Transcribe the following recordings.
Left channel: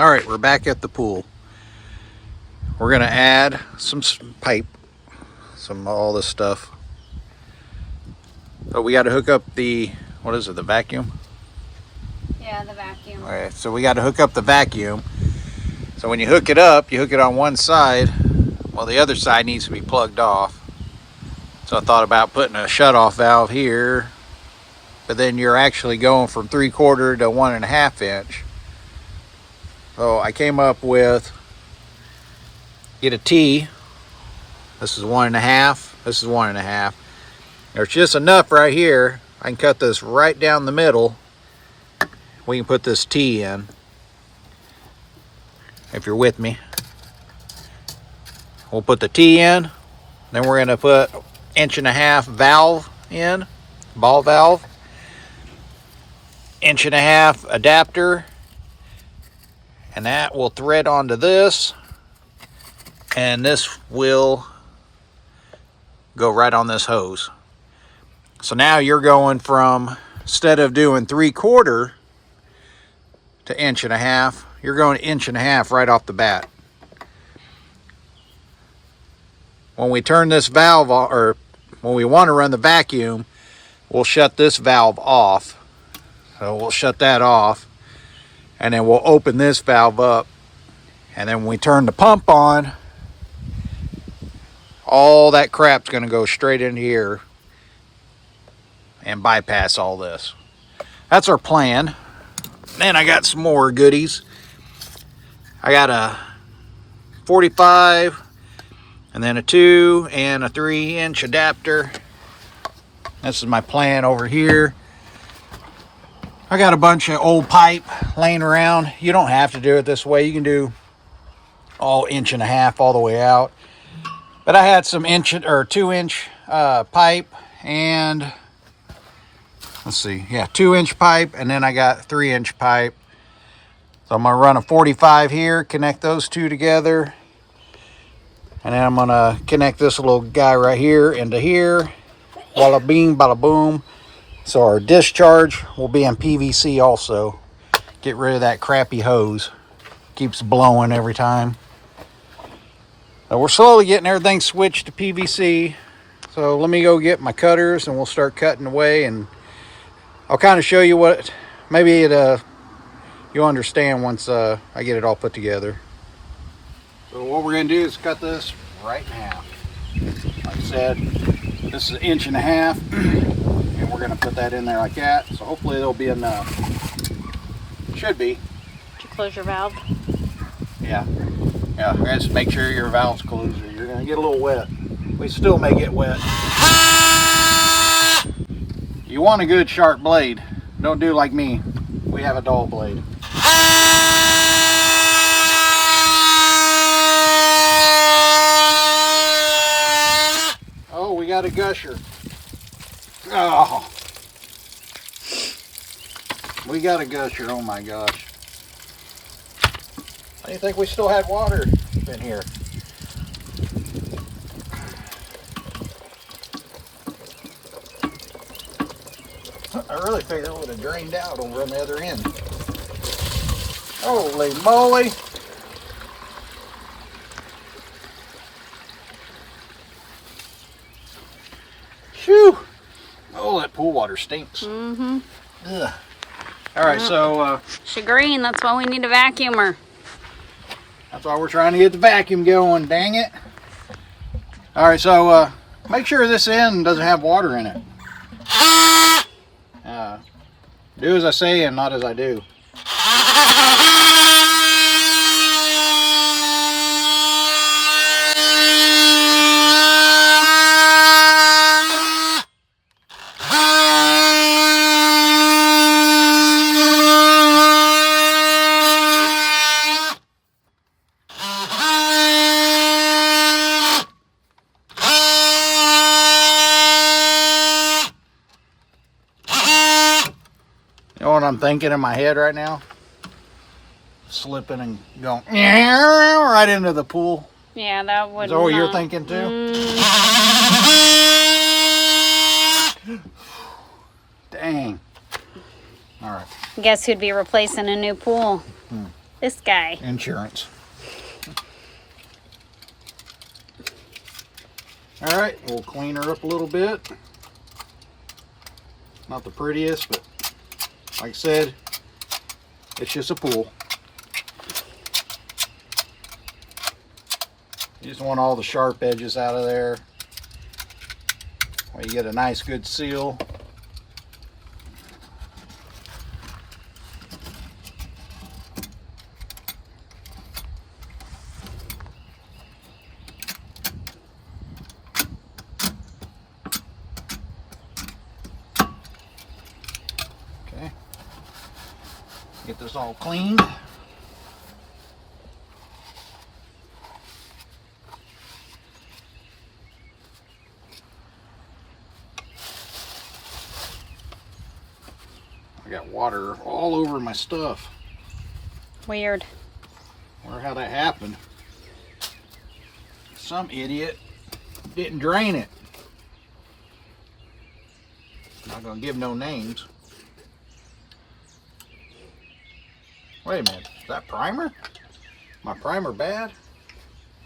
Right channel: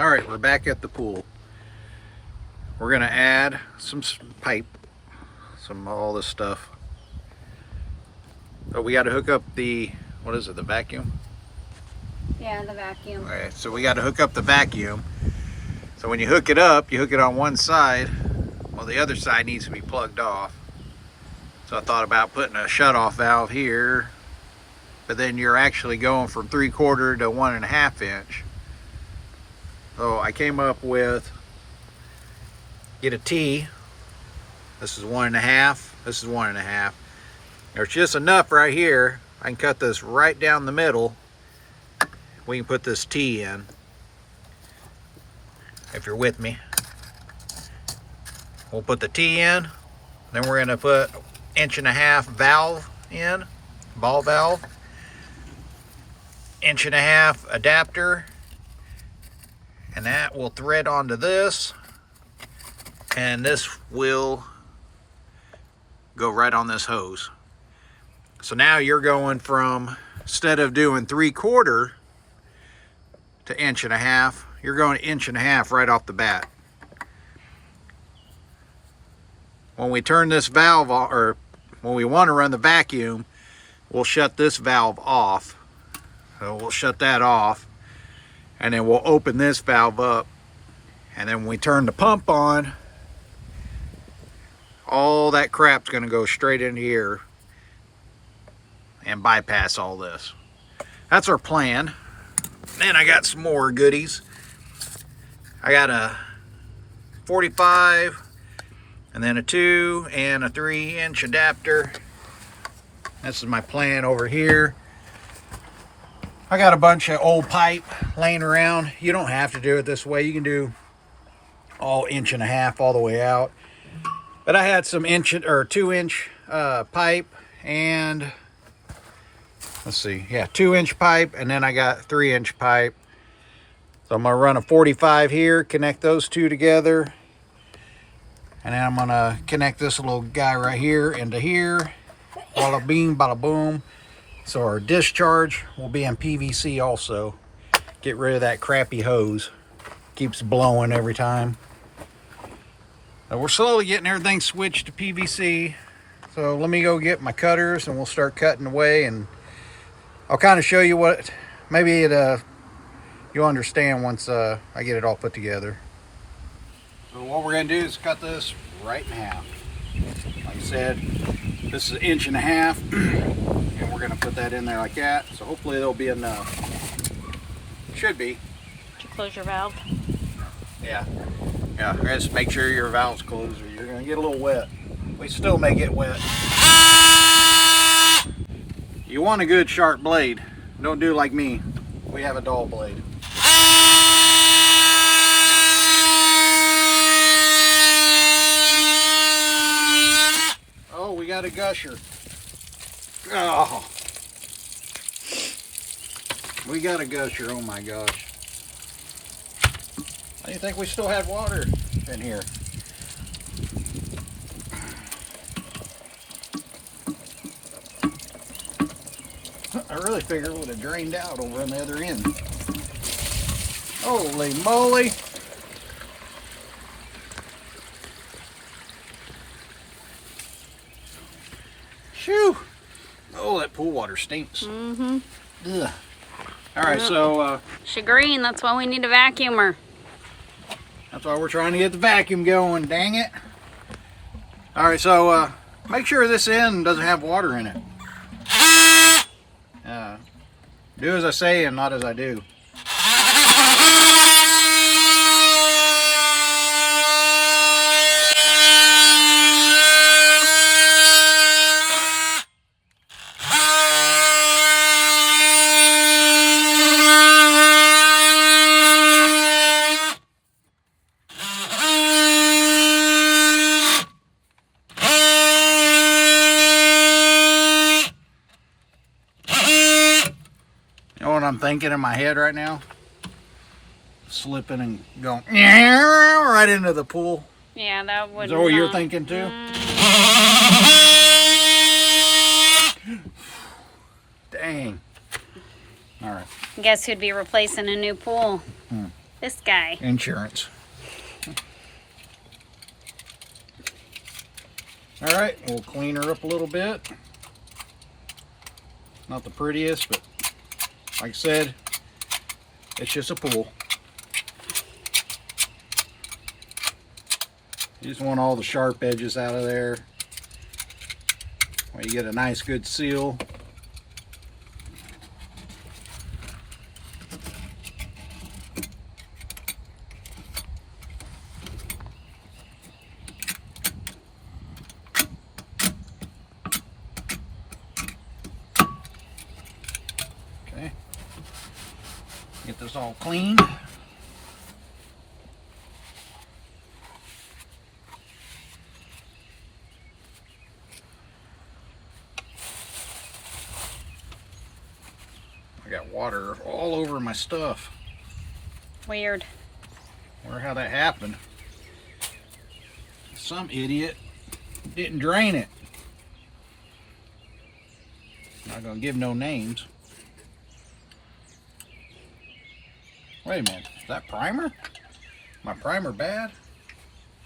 All right, we're back at the pool. We're gonna add some pipe, all this stuff. But we got to hook up the, what is it, the vacuum? Yeah, the vacuum. All right, so we got to hook up the vacuum. So when you hook it up, you hook it on one side. Well, the other side needs to be plugged off. So I thought about putting a shutoff valve here, but then you're actually going from 3/4 to 1.5 inch. So I came up with, get a T. This is 1.5. This is 1.5. There's just enough right here. I can cut this right down the middle. We can put this T in, if you're with me. We'll put the T in. Then we're gonna put 1.5 inch valve in, ball valve. 1.5 inch adapter. And that will thread onto this. And this will go right on this hose. So now you're going from, instead of doing 3/4 to 1.5 inch, you're going 1.5 inch right off the bat. When we turn this valve off, or when we want to run the vacuum, we'll shut this valve off. So we'll shut that off, and then we'll open this valve up. And then when we turn the pump on, all that crap's going to go straight in here and bypass all this. That's our plan. Then I got some more goodies. I got a 45 and then a 2 and a 3-inch adapter. This is my plan over here. I got a bunch of old pipe laying around. You don't have to do it this way. You can do all 1.5 inch all the way out. But I had some 2-inch pipe and, let's see, yeah, 2-inch pipe, and then I got 3-inch pipe. So I'm gonna run a 45 here, connect those two together, and then I'm gonna connect this little guy right here into here. Walla bing, bada boom. So our discharge will be in PVC also. Get rid of that crappy hose. Keeps blowing every time. So we're slowly getting everything switched to PVC. So let me go get my cutters and we'll start cutting away, and I'll kind of show you what, maybe you'll understand once I get it all put together. So what we're gonna do is cut this right in half. Like I said, this is 1.5 inch. And we're gonna put that in there like that. So hopefully there'll be enough. Should be. Did you close your valve? Yeah. Yeah, just make sure your valve's closed or you're gonna get a little wet. We still may get wet. You want a good sharp blade. Don't do like me. We have a dull blade. Oh, we got a gusher. Oh. We got a gusher, oh my gosh. I didn't think we still had water in here. I really figured it would have drained out over on the other end. Holy moly. Shoo. Oh, that pool water stinks. Mm-hmm. Ugh. All right, so... Shagreen, that's why we need a vacuumer. That's why we're trying to get the vacuum going, dang it. All right, so make sure this end doesn't have water in it. Do as I say and not as I do. You know what I'm thinking in my head right now? Slipping and going right into the pool. Yeah, that would. Is that what you're thinking too? Dang. All right. Guess who'd be replacing a new pool? This guy. Insurance. All right, we'll clean her up a little bit. Not the prettiest, but like I said, it's just a pool. You just want all the sharp edges out of there. Well, you get a nice good seal. Okay. Get this all cleaned. I got water all over my stuff. Weird. Wonder how that happened. Some idiot didn't drain it. Not gonna give no names. Wait a minute, is that primer? My primer bad?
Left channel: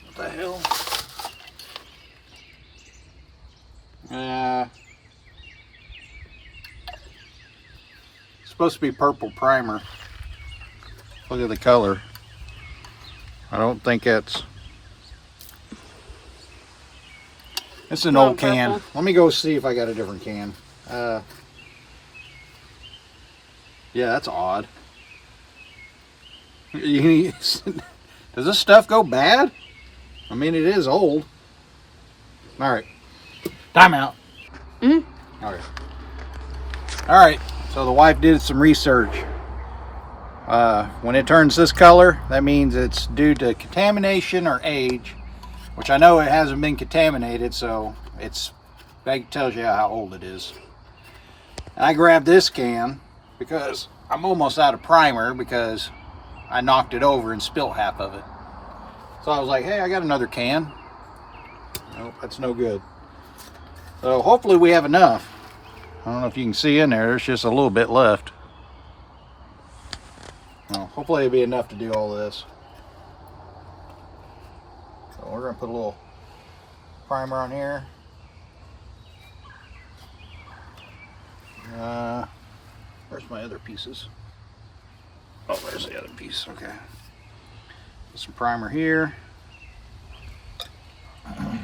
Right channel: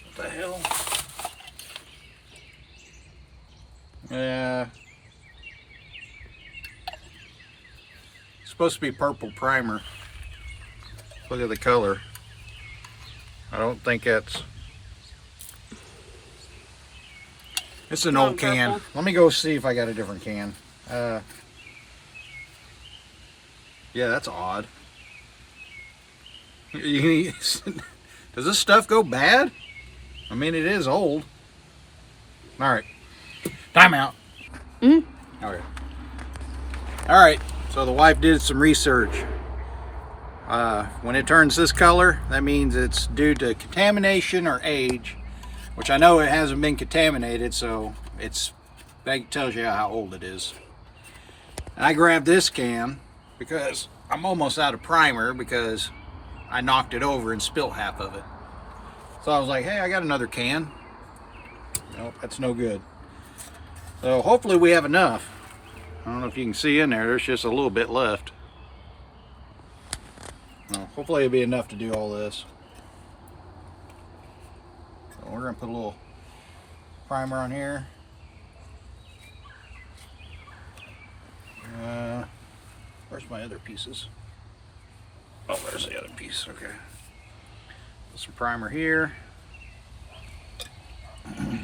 What the hell? Yeah. It's supposed to be purple primer. Look at the color. I don't think it's... It's an old can. Purple. Let me go see if I got a different can. Yeah, that's odd. Does this stuff go bad? I mean, it is old. All right, time out. Mm. Okay. All right, so the wife did some research. When it turns this color, that means it's due to contamination or age, which I know it hasn't been contaminated, so that tells you how old it is. And I grabbed this can because I'm almost out of primer because I knocked it over and spilt half of it. So I was like, hey, I got another can. Nope, that's no good. So hopefully we have enough. I don't know if you can see in there, there's just a little bit left. Well, hopefully it'll be enough to do all this. So we're gonna put a little primer on here. Where's my other pieces? Oh, there's the other piece. Okay. Put some primer here. I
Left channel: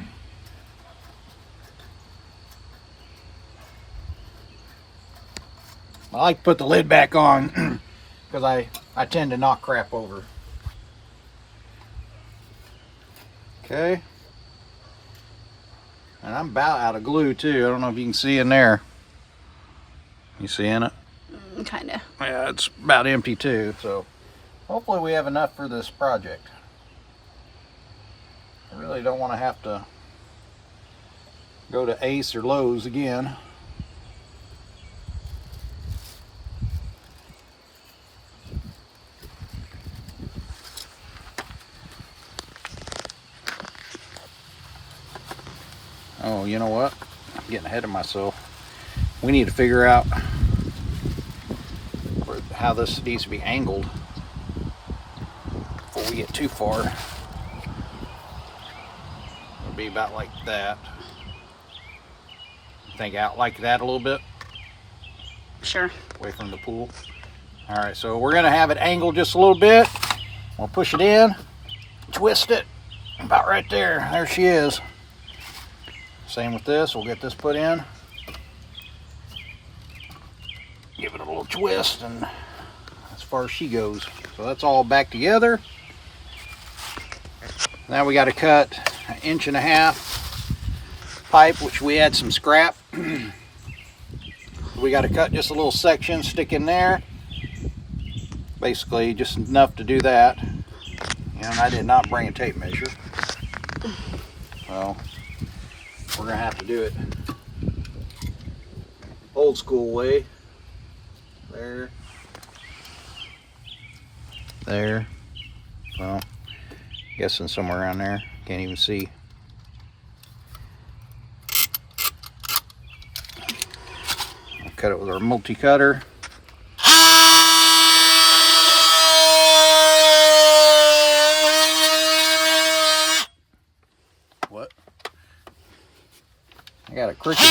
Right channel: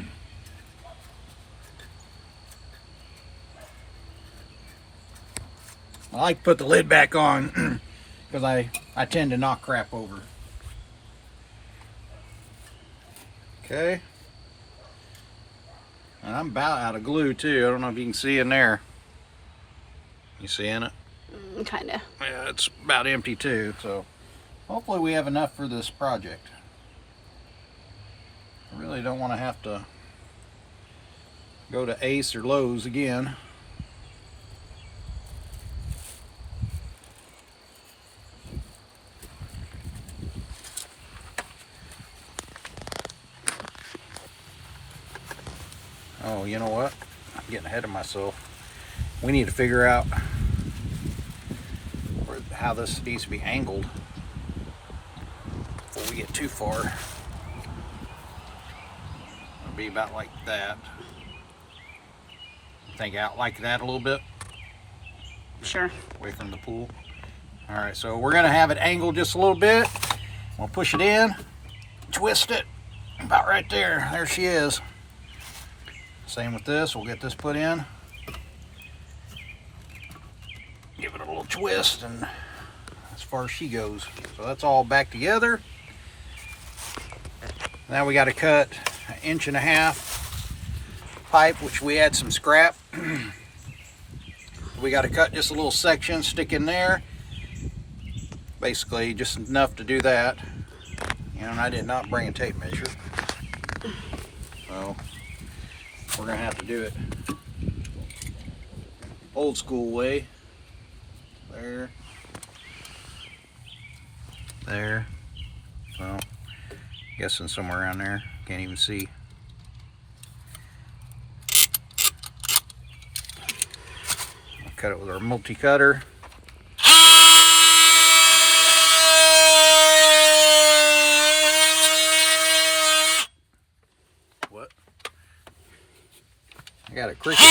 like to put the lid back on because I tend to knock crap over. Okay. And I'm about out of glue too. I don't know if you can see in there. You seeing it? Kinda. Yeah, it's about empty too, so hopefully we have enough for this project. I really don't want to have to go to Ace or Lowe's again. Oh, you know what? I'm getting ahead of myself. We need to figure out how this needs to be angled before we get too far. It'll be about like that. Think out like that a little bit. Sure. Away from the pool. All right, so we're gonna have it angled just a little bit. We'll push it in, twist it, about right there. There she is. Same with this, we'll get this put in. Give it a little twist, and as far as she goes. So that's all back together. Now we got to cut 1.5 inch pipe, which we had some scrap. We got to cut just a little section, stick in there. Basically, just enough to do that. And I did not bring a tape measure. So we're gonna have to do it old school way. There. Well, guessing somewhere around there. Can't even see. We'll cut it with our multi-cutter. I got a cricket.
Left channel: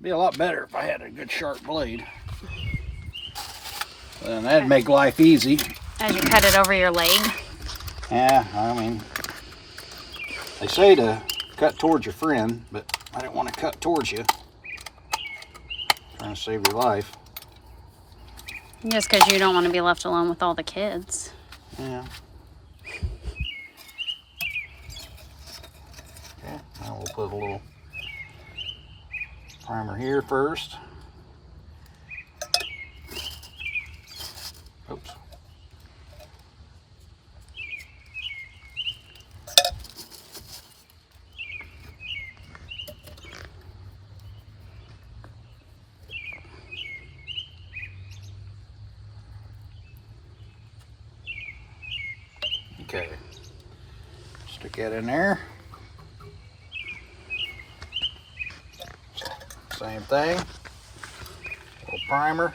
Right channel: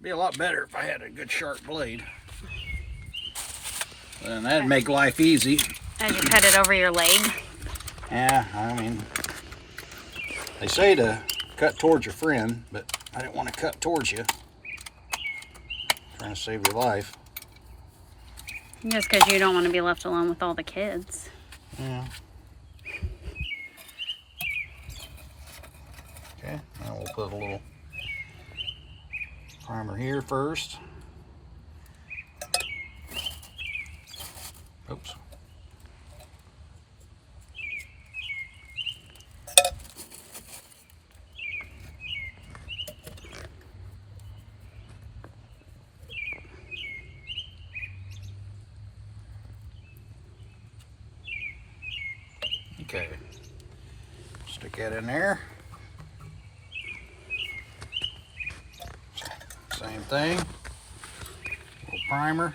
Be a lot better if I had a good sharp blade. Then that'd make life easy. As you cut it over your leg. Yeah, I mean, they say to cut towards your friend, but I didn't want to cut towards you. Trying to save your life. Just because you don't want to be left alone with all the kids. Yeah. Okay, now we'll put a little primer here first. Oops. Okay. Stick that in there. Same thing. A little primer.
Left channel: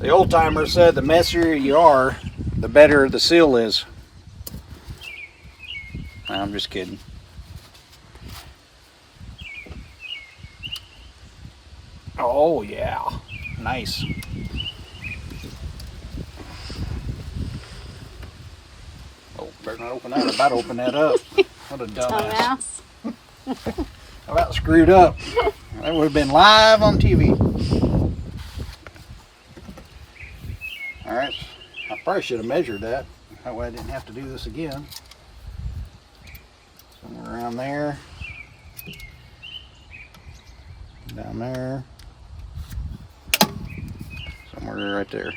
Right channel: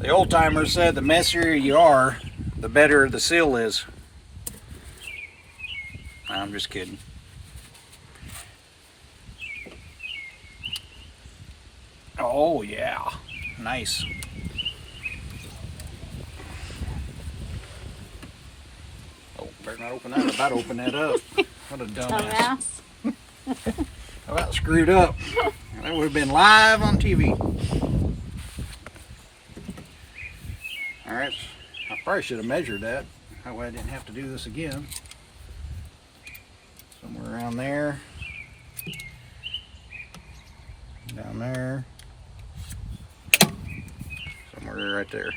The old timer said the messier you are, the better the seal is. I'm just kidding. Oh yeah, nice. Oh, better not open that. I'm about to open that up. What a dumbass. I about screwed up. That would have been live on TV. All right, I probably should have measured that. That way I didn't have to do this again. Somewhere around there. Down there. Somewhere right there.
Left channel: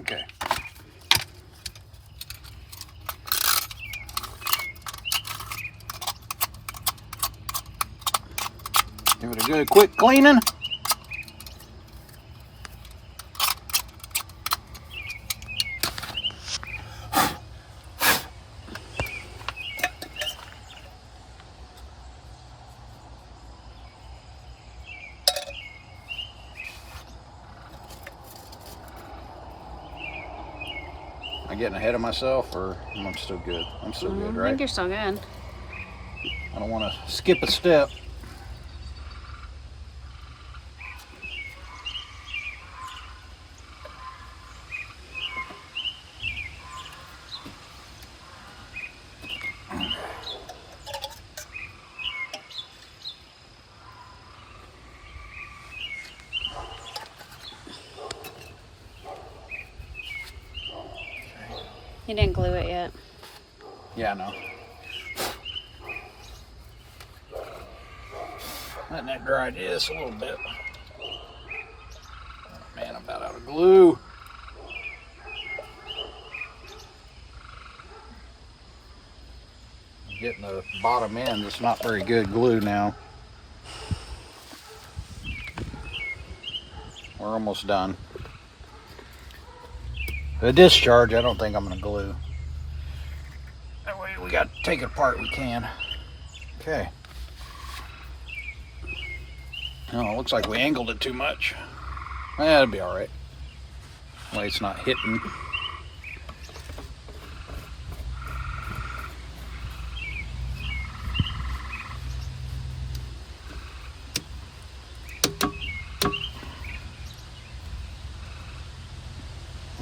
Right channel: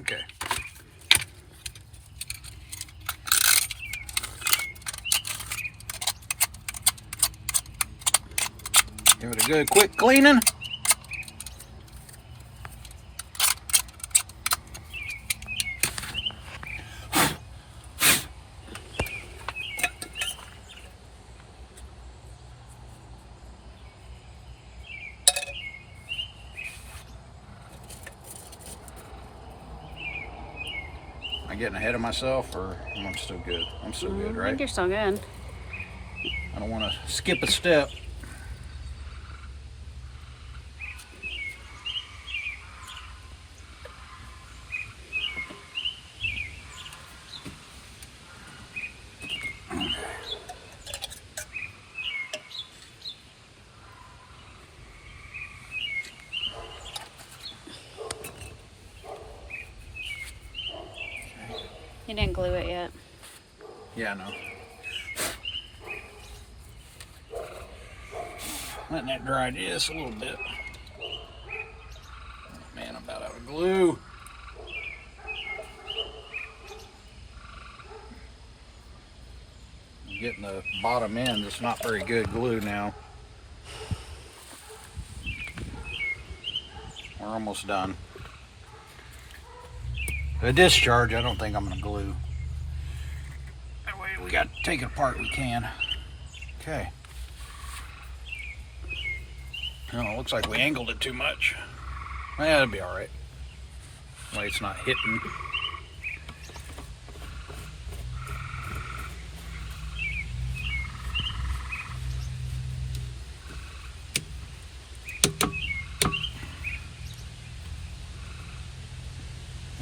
Okay. Give it a good quick cleaning. Am I getting ahead of myself, or am I still good? I'm still good, right? I think you're still good. I don't want to skip a step. You didn't glue it yet. Yeah, I know. Letting that dry just a little bit. Oh man, I'm about out of glue. I'm getting the bottom end. It's not very good glue now. We're almost done. The discharge, I don't think I'm going to glue. That way we got to take it apart, we can. Okay. Oh, it looks like we angled it too much. That'll be all right. That way it's not hitting.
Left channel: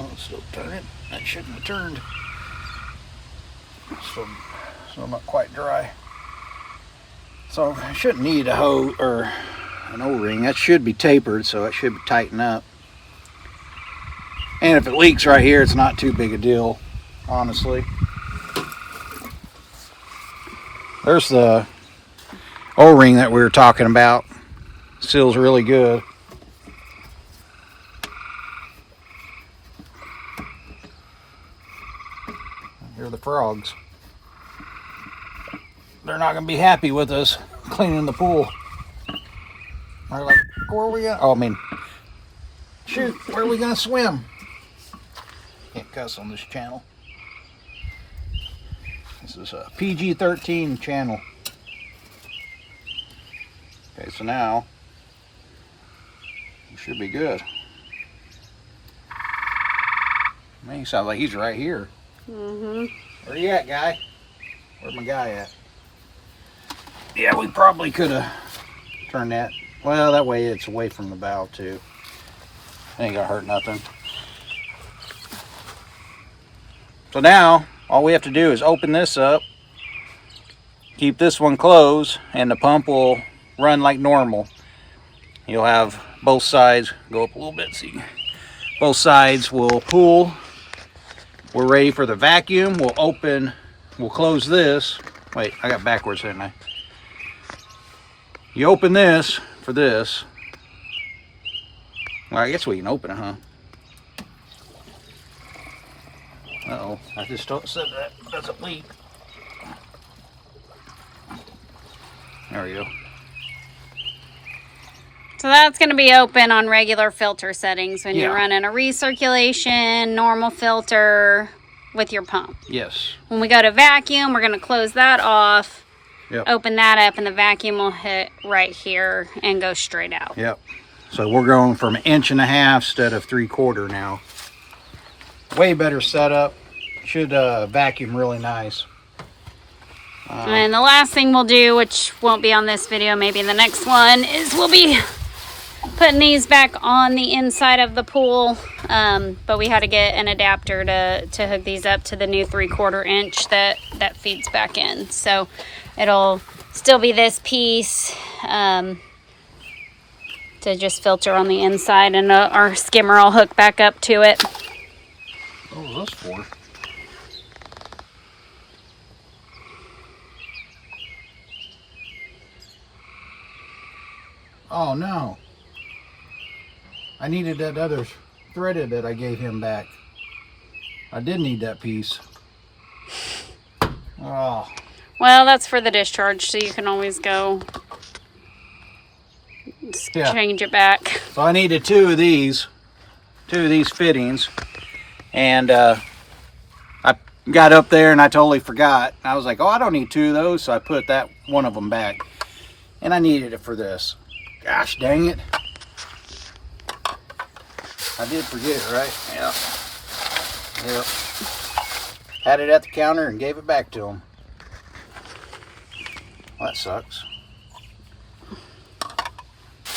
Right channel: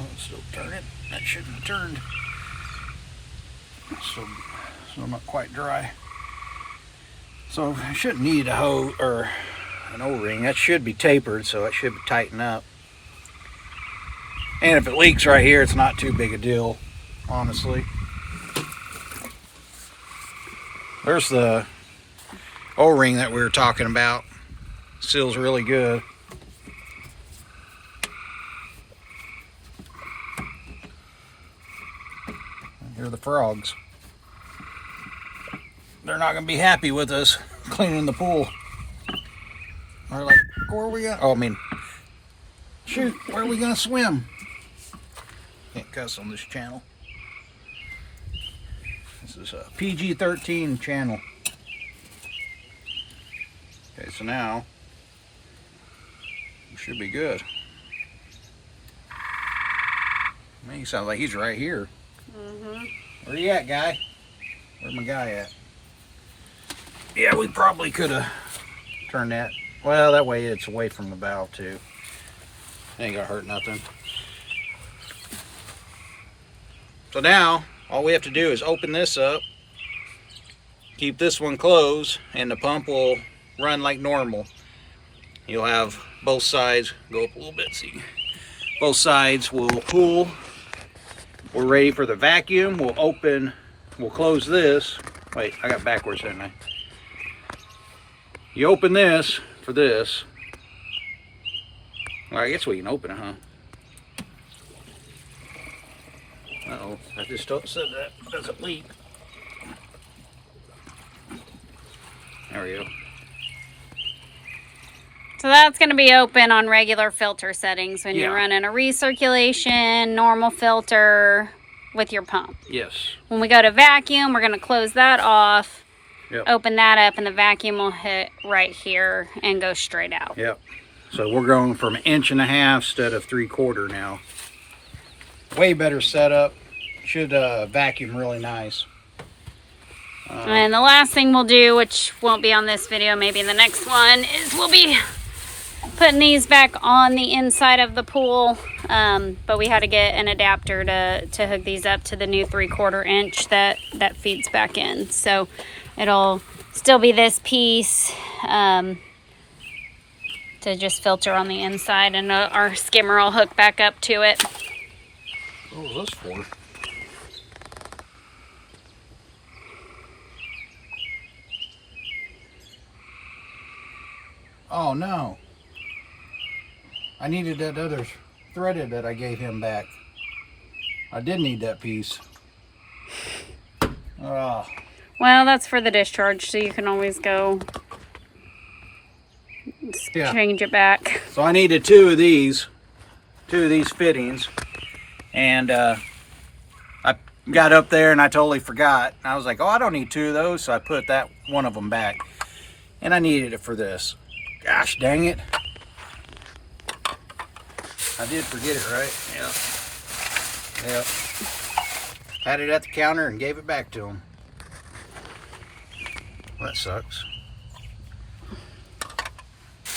Oh, it's still turning. That shouldn't have turned. It's still not quite dry. So I shouldn't need a hose or an O-ring. That should be tapered, so it should tighten up. And if it leaks right here, it's not too big a deal, honestly. There's the O-ring that we were talking about. Seals really good. Here are the frogs. They're not going to be happy with us cleaning the pool. They're like, where are we going? Oh, I mean, shoot, where are we going to swim? Can't cuss on this channel. This is a PG-13 channel. Okay, so now it should be good. Man, he sounds like he's right here. Mm-hmm. Where you at, guy? Where's my guy at? Yeah, we probably could have turned that. Well, that way it's away from the bow too. Ain't gonna hurt nothing. So now, all we have to do is open this up, keep this one closed, and the pump will run like normal. You'll have both sides go up a little bit, see. Both sides will cool. We're ready for the vacuum. We'll close this. Wait, I got backwards, didn't I? You open this for this. Well, I guess we can open it, huh? Uh-oh, I just said that. That's a leak. There we go. So that's going to be open on regular filter settings when you're Yeah. running a recirculation, normal filter with your pump. Yes. When we go to vacuum, we're going to close that off, Yep. open that up, and the vacuum will hit right here and go straight out. Yep. So we're going from 1.5 inches instead of 3/4 now. Way better setup. Should vacuum really nice. And the last thing we'll do, which won't be on this video, maybe in the next one, is we'll be putting these back on the inside of the pool. But we had to get an adapter to hook these up to the new 3/4 inch that feeds back in. So it'll still be this piece to just filter on the inside, and our skimmer will hook back up to it. What was this for? Oh no. I needed that other threaded that I gave him back. I did need that piece. Oh. Well, that's for the discharge, so you can always go Yeah. change it back. So I needed two of these fittings, and I got up there and I totally forgot. I was like, oh, I don't need two of those, so I put that one of them back, and I needed it for this. Gosh dang it. I did forget it, right? Yeah. Yep. Had it at the counter and gave it back to him. Well, that sucks.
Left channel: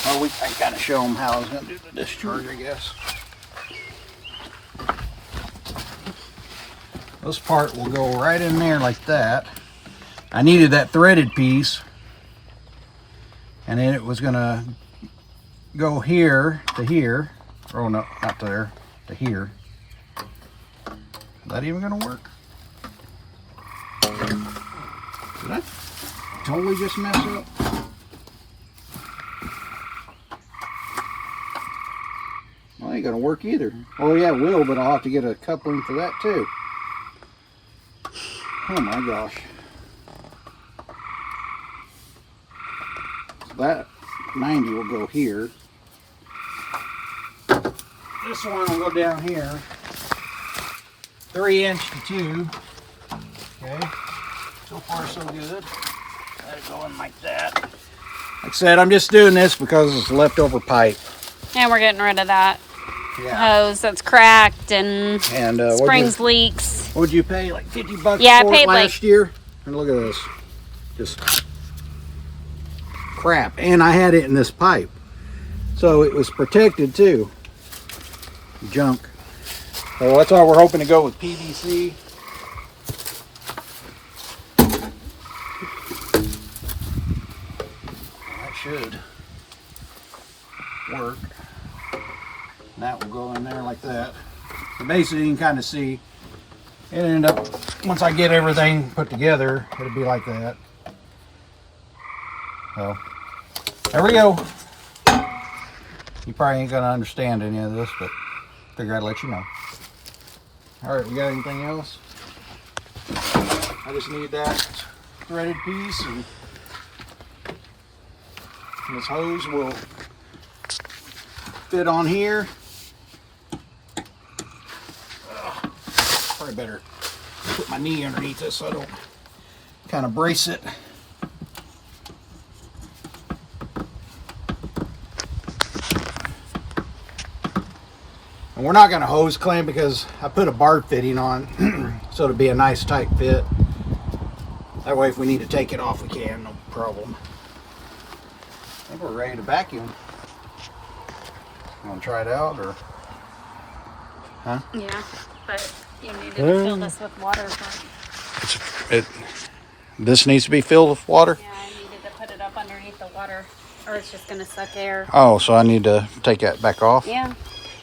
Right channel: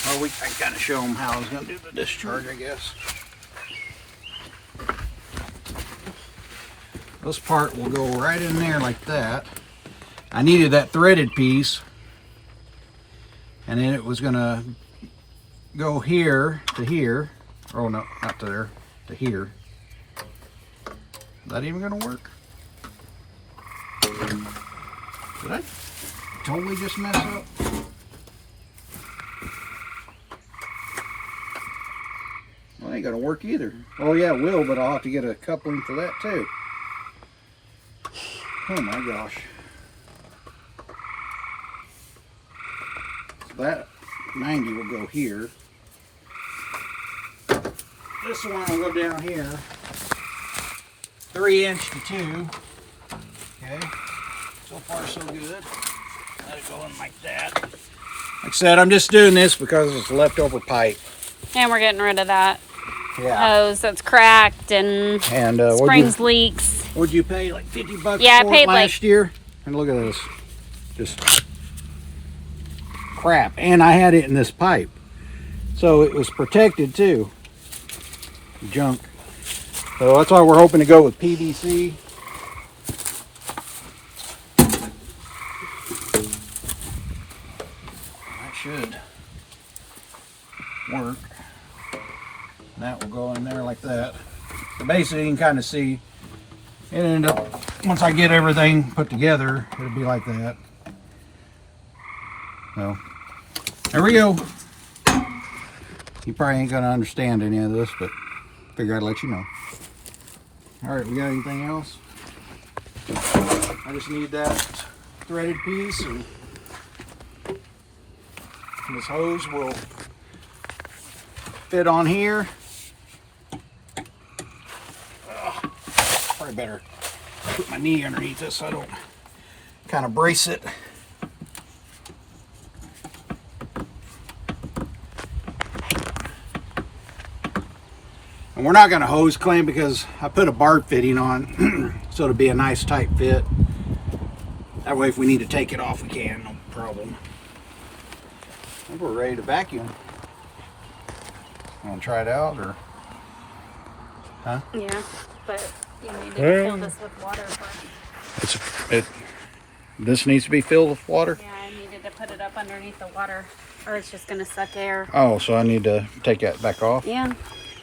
Well, I kind of show him how I was going to do the discharge, I guess. This part will go right in there like that. I needed that threaded piece, and then it was going to go here to here. Oh no, not there, to here. Is that even going to work? Did I totally just mess up? Well, ain't gonna work either. Oh yeah, it will, but I'll have to get a coupling for that too. Oh my gosh. That 90 will go here. This one will go down here. 3 inch to 2. Okay. So far so good. Let it go in like that. Like I said, I'm just doing this because it's leftover pipe. And we're getting rid of that Yeah. hose that's cracked and And springs leaks. what'd you pay? Like $50 Yeah, I for paid it last like- year? And look at this. Just crap. And I had it in this pipe. So it was protected too. Junk. So that's why we're hoping to go with PVC. should work. And that will go in there like that. So basically, you can kind of see it end up, once I get everything put together, it'll be like that. So, there we go. You probably ain't gonna understand any of this, but figure I'd let you know. All right, we got anything else? I just need that threaded piece, and this hose will fit on here. Probably better put my knee underneath this so I don't kind of brace it. And we're not going to hose clamp because I put a bar fitting on so it'll be a nice tight fit. That way if we need to take it off we can, no problem. I think we're ready to vacuum. You want to try it out or? Huh? Yeah, but you need to fill this with water first. This needs to be filled with water? Yeah, I needed to put it up underneath the water or it's just going to suck air. Oh, so I need to take that back off? Yeah.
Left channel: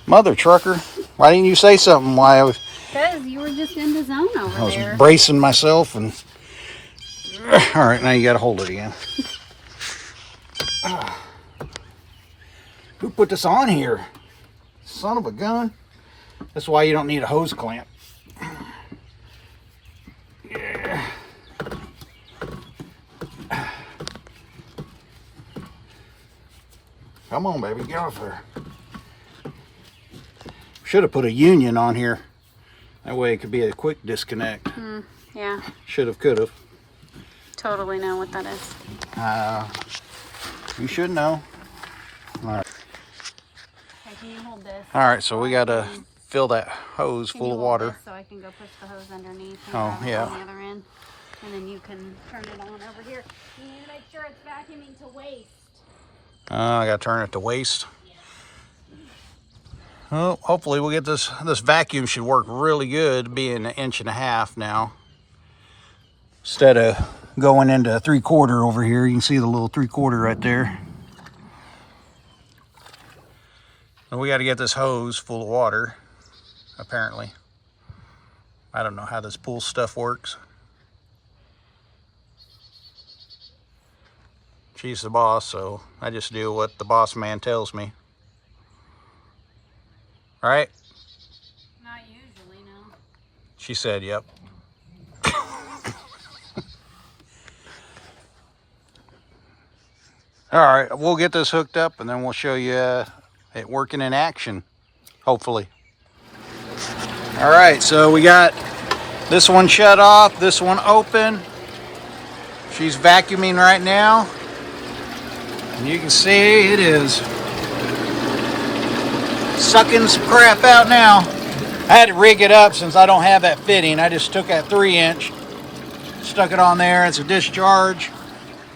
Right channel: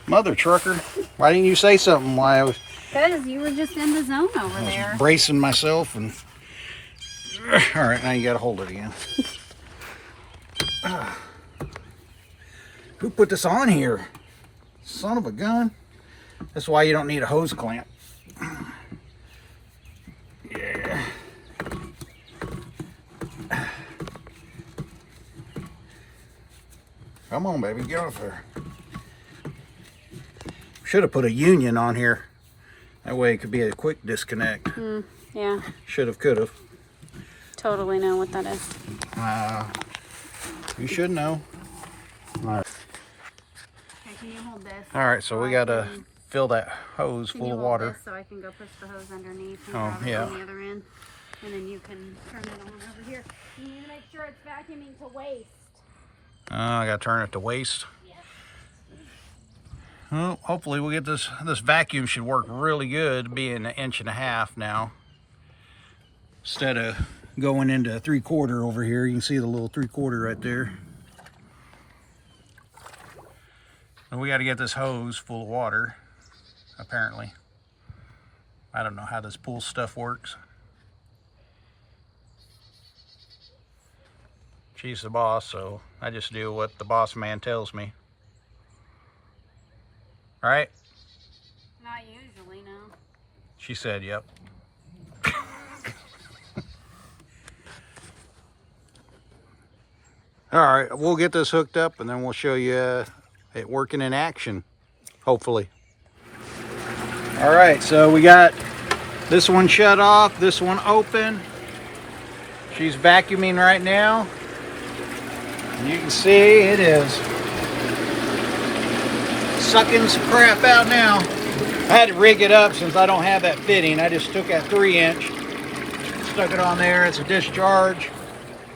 Mother trucker, why didn't you say something while I was... Because you were just in the zone over there. I was bracing myself and... All right, now you got to hold it again. Who put this on here? Son of a gun. That's why you don't need a hose clamp. Yeah. Come on, baby, get off there. Should have put a union on here. That way it could be a quick disconnect. Yeah. Should have, could have. Totally know what that is. You should know. All right. Okay, can you hold this? All right, so we got to fill that hose full of water. So I can go push the hose underneath. Oh, yeah. On the other end. And then you can turn it on over here. You need to make sure it's vacuuming to waste. I got to turn it to waste. Well, hopefully we'll get this vacuum should work really good, being 1.5 inches now. Instead of going into 3/4 over here, you can see the little 3/4 right there. And we got to get this hose full of water, apparently. I don't know how this pool stuff works. She's the boss, so I just do what the boss man tells me. Right? Not usually, no. She said, yep. All right, we'll get this hooked up and then we'll show you it working in action, hopefully. All right, so we got this one shut off, this one open. She's vacuuming right now. And you can see it is sucking some crap out now. I had to rig it up since I don't have that fitting. I just took that 3-inch, stuck it on there. It's a discharge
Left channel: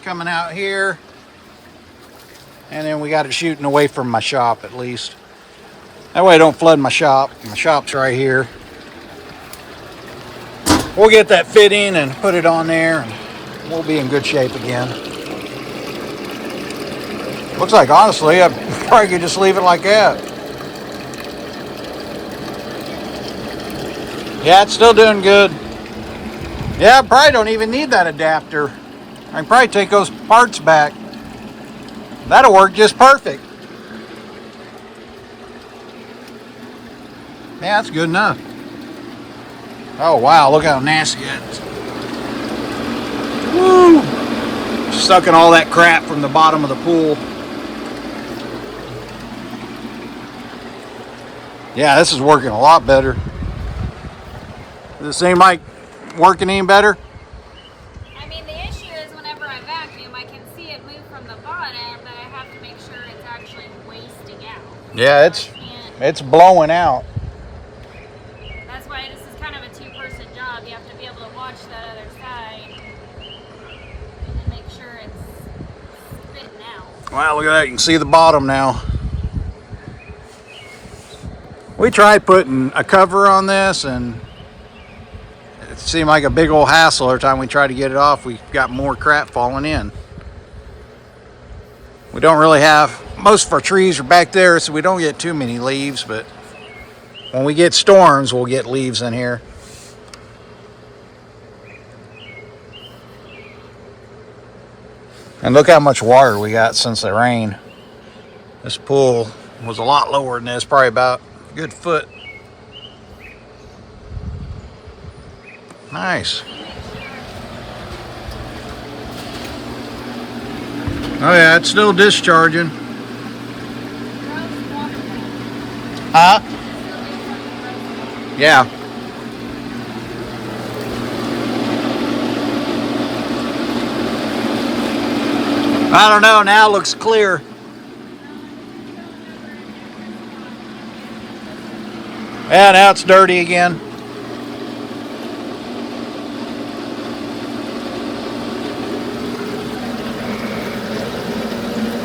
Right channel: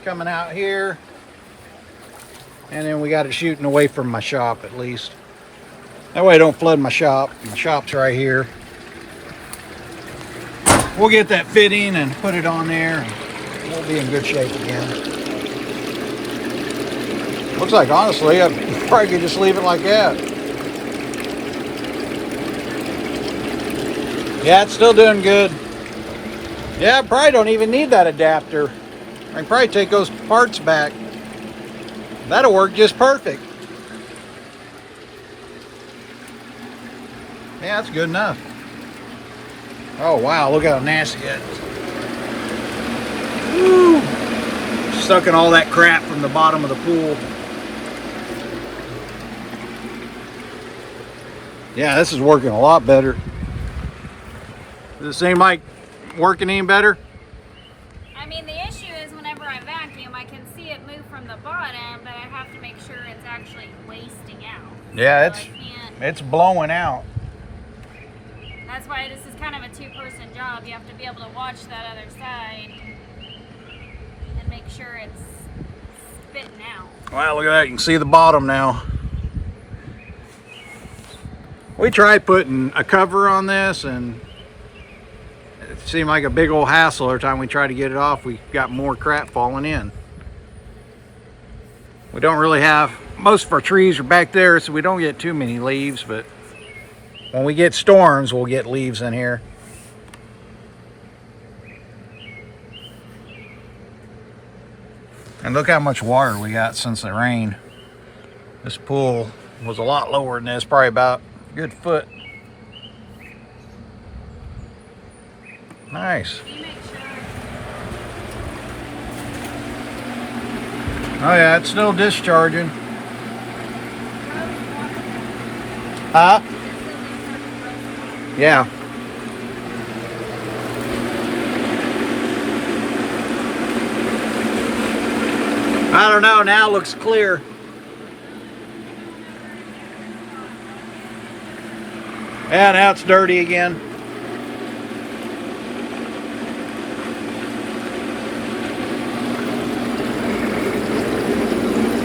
coming out here. And then we got it shooting away from my shop at least. That way I don't flood my shop. My shop's right here. We'll get that fitting and put it on there and we'll be in good shape again. Looks like, honestly, I probably could just leave it like that. Yeah, it's still doing good. Yeah, I probably don't even need that adapter. I can probably take those parts back. That'll work just perfect. Yeah, that's good enough. Oh, wow, look how nasty it is. Woo! Sucking all that crap from the bottom of the pool. Yeah, this is working a lot better. Does it seem like working any better? I mean, the issue is whenever I vacuum, I can see it move from the bottom, but I have to make sure it's actually wasting out. Yeah, it's blowing out. That's why this is kind of a two-person job. You have to be able to watch that other side and make sure it's spitting out. Wow, look at that. You can see the bottom now. We tried putting a cover on this and it seemed like a big old hassle. Every time we tried to get it off, we got more crap falling in. We don't really have, most of our trees are back there, so we don't get too many leaves, but when we get storms, we'll get leaves in here. And look how much water we got since the rain. This pool was a lot lower than this, probably about a good foot. Nice. Oh yeah, it's still discharging. Huh? Yeah. I don't know, now it looks clear. Yeah, now it's dirty again.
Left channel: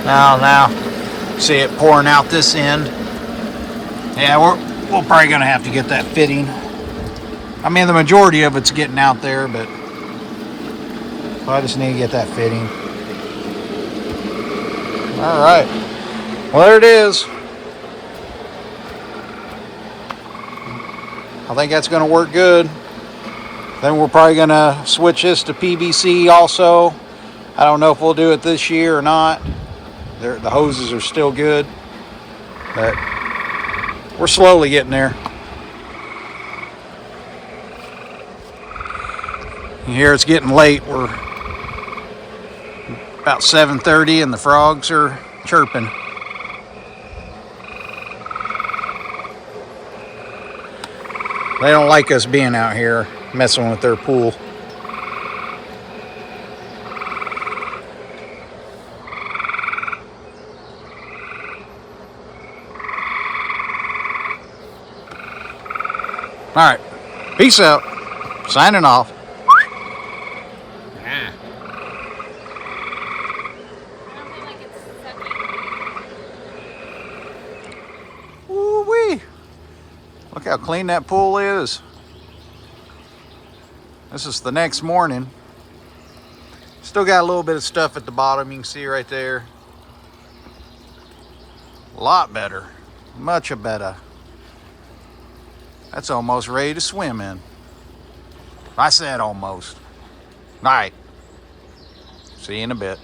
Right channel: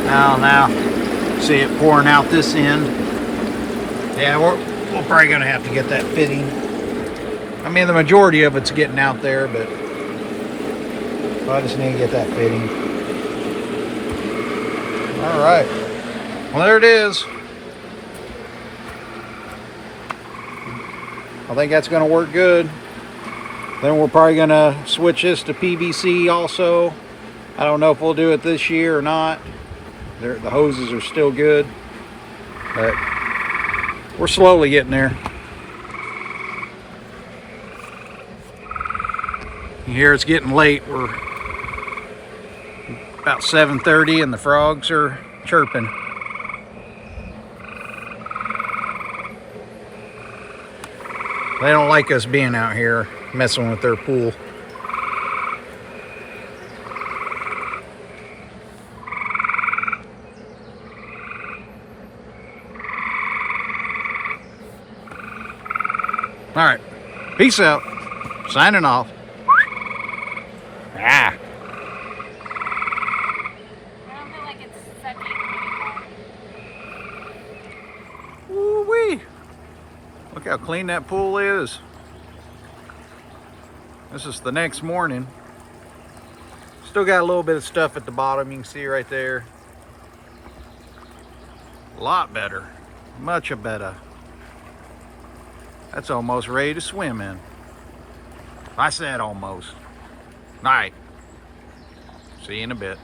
Now, see it pouring out this end. Yeah, we're probably gonna have to get that fitting. I mean, the majority of it's getting out there, but I just need to get that fitting. All right, well, there it is. I think that's gonna work good. Then we're probably gonna switch this to PVC also. I don't know if we'll do it this year or not. The hoses are still good, but we're slowly getting there. Here it's getting late. We're about 7:30 and the frogs are chirping. They don't like us being out here messing with their pool. All right, peace out. Signing off. Ah. I don't feel like it's sucking. Woo-wee. Look how clean that pool is. This is the next morning. Still got a little bit of stuff at the bottom. You can see right there. A lot better. Much better. That's almost ready to swim in. I said almost. All right. See you in a bit.